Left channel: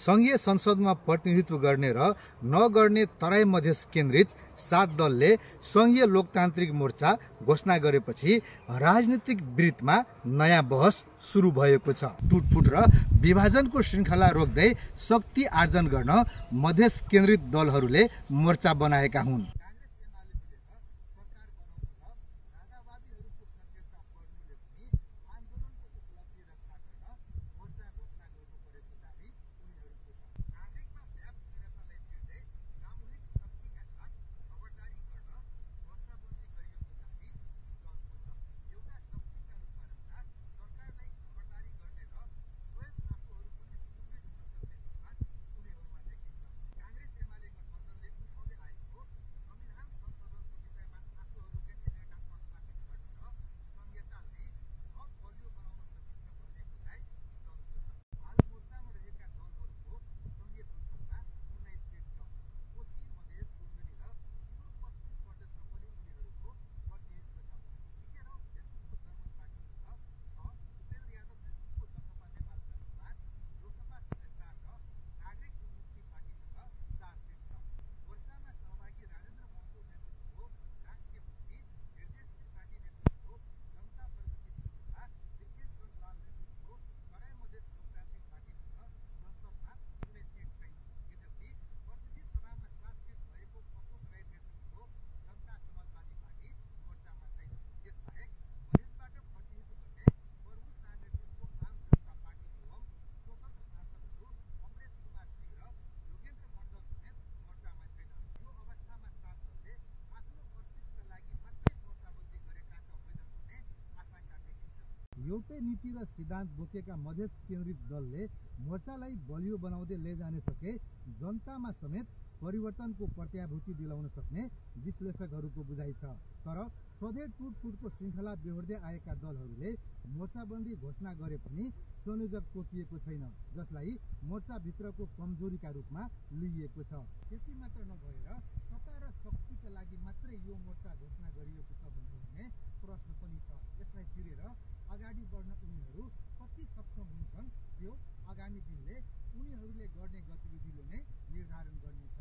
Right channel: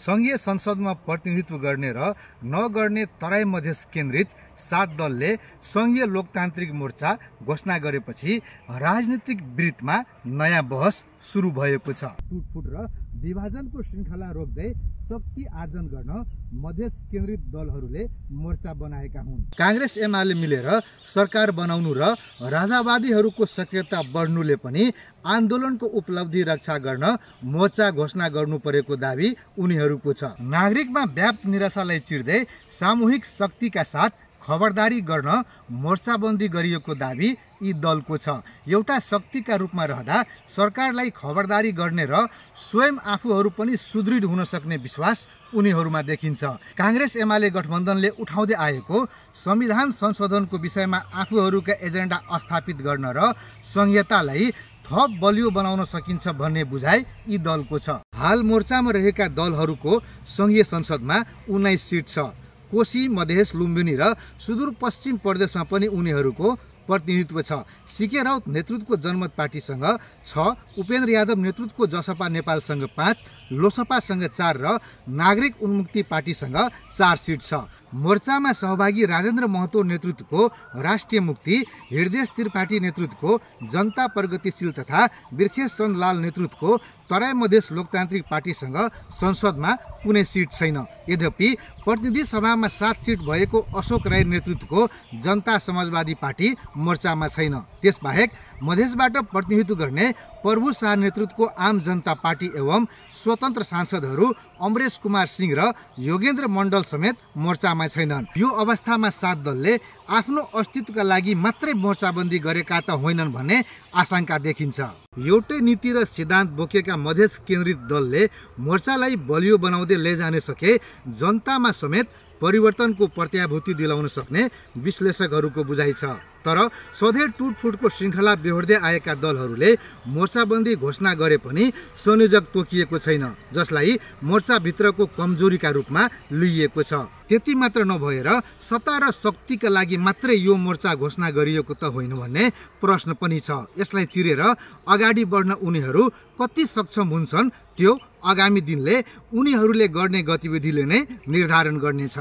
संघीय संसदमा प्रतिनिधित्व गर्ने र नगर्ने तराई मधेस केन्द्रित 7 दलले संघीय लोकतान्त्रिक मोर्चा घोषणा गरेपछि राजनीतिक वृत्तमा नयाँ बहस सुरु भएको छ। टुटफुट र विभाजनको श्रृङ्खला रोक्दै शक्ति आर्जन गर्न मधेस केन्द्रित दलहरूले मोर्चा बनाएका हुन्। कांग्रेस एमाले मिलेर सरकार बनाउनु र राजावादीहरूको सक्रियता बढ्नुले पनि आन्दोलनको उपलब्धि रक्षा गर्न मोर्चा घोषणा गर्नु परेको दाबी उनीहरूको छ। नागरिकमा व्याप्त निराशालाई चिर्दै सामूहिक शक्तिका साथ खबरदारी गर्न मोर्चाबन्दी गरिएको दाबी यी दलको छ। एउटा शक्तिका रूपमा रहँदा सरकारलाई खबरदारी गर्ने र स्वयं आफूहरू पनि सुदृढ हुन सक्ने विश्वास उनीहरूमा देखिन्छ। कांग्रेस एमाले गठबन्धनले उठाउँदै आएको संविधान संशोधनको विषयमा आफूहरूका एजेन्डा स्थापित गर्न र संहितालाई थप बलियो बनाउन सकिन्छ भन्ने बुझाइ यी दलको छ। हाल मोर्चामा रहेका दलहरूको संघीय संसदमा 19 सिट छ। कोशी, मधेस, लुम्बिनी र सुदूरपश्चिम प्रदेशमा पनि उनीहरूको प्रतिनिधित्व छ। सीके राउत नेतृत्वको जनमत पार्टीसँग 6, उपेन्द्र यादव नेतृत्वको जसपा नेपालसँग 5, लोसपासँग 4 र नागरिक उन्मुक्ति पार्टीसँग 4 सिट छ। मोर्चामा सहभागी राजेन्द्र महतो नेतृत्वको राष्ट्रिय मुक्ति, हृदय त्रिपाठी नेतृत्वको जनता प्रगतिशील तथा बिर्खेश चन्द लाल नेतृत्वको तराई मधेस लोकतान्त्रिक पार्टीसँग संसदमा कुनै सिट छैन। यद्यपि प्रतिनिधि सभामा 7 सिट भएको अशोक राई नेतृत्वको जनता समाजवादी पार्टी मोर्चामा छैन। त्यसबाहेक मधेसबाट प्रतिनिधित्व गर्ने प्रभु शाह नेतृत्वको आम जनता पार्टी एवं स्वतन्त्र सांसदहरू अमरेश कुमार सिंह र योगेन्द्र मण्डल समेत मोर्चामा छैनन्। यो अवस्थामा 7 दलले आफ्नो अस्तित्वका लागि मात्रै मोर्चाबन्दी गरेका त होइनन् भन्ने आशंका देखिन्छ। एउटै नीति र सिद्धान्त बोकेका मधेस केन्द्रित दलले मोर्चालाई बलियो बनाउँदै लैजाने सके जनतामा समेत परिवर्तनको प्रत्याभूति दिलाउन सक्ने विश्लेषकहरूको बुझाइ छ। तर सधैँ टुटफुटको श्रृङ्खला बेहोर्दै आएका दलहरूले मोर्चाबन्दी घोषणा गरे पनि संयोजक तोकिएको छैन, जसलाई मोर्चाभित्रको कमजोरीका रूपमा लिइएको छ। त्यति मात्र नभएर सत्ता र शक्तिका लागि मात्रै यो मोर्चा घोषणा गरिएको त होइन भन्ने प्रश्न पनि छ। यसलाई चिरेर अगाडि बढ्न उनीहरू कति सक्षम हुन्छन् त्यो आगामी दिनले उनीहरूले गर्ने गतिविधिले नै निर्धारण गर्नेछ।